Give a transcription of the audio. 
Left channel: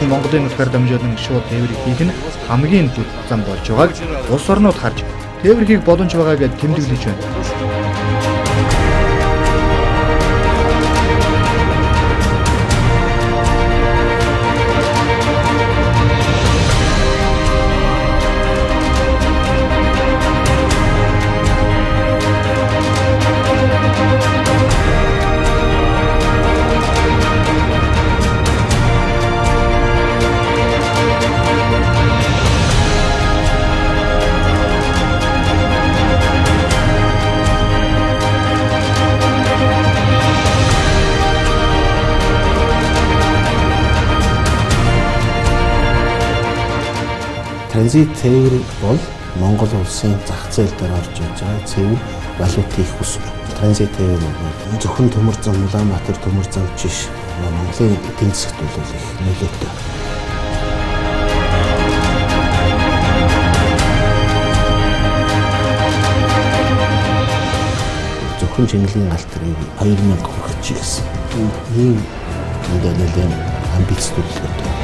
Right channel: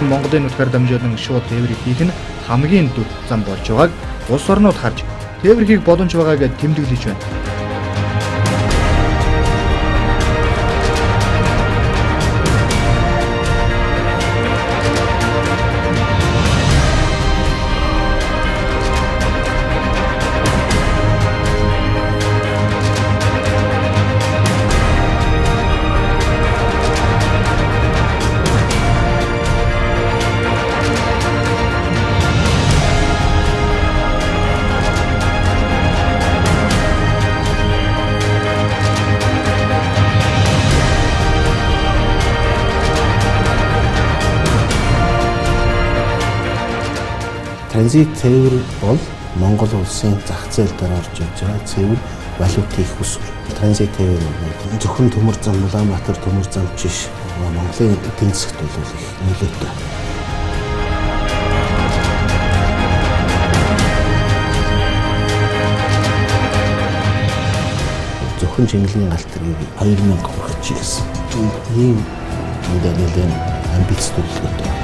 Монголын нутгаар дамжуулан шууд тээврийг хийх нь хамгийн дүр зам болж байгааг улс орнууд харж тээвэр хийх боломж байгааг тэмдэглэж байна. Транзит цэвэр бол Монгол улсын зах зээл дээр орж иж байгаа цэвэр валютын их усвар. Транзит цэвэр бол зөвхөн төмөр зам, Улаанбаатар төмөр зам биш, Монголын эдийн засгт бол их нөлөөтэй. Зөвхөн Жинглэгийн галтрыг 2000 хүрэх гэсэн. Ийм нэлээд амбиц төлөвлөгөөтэй.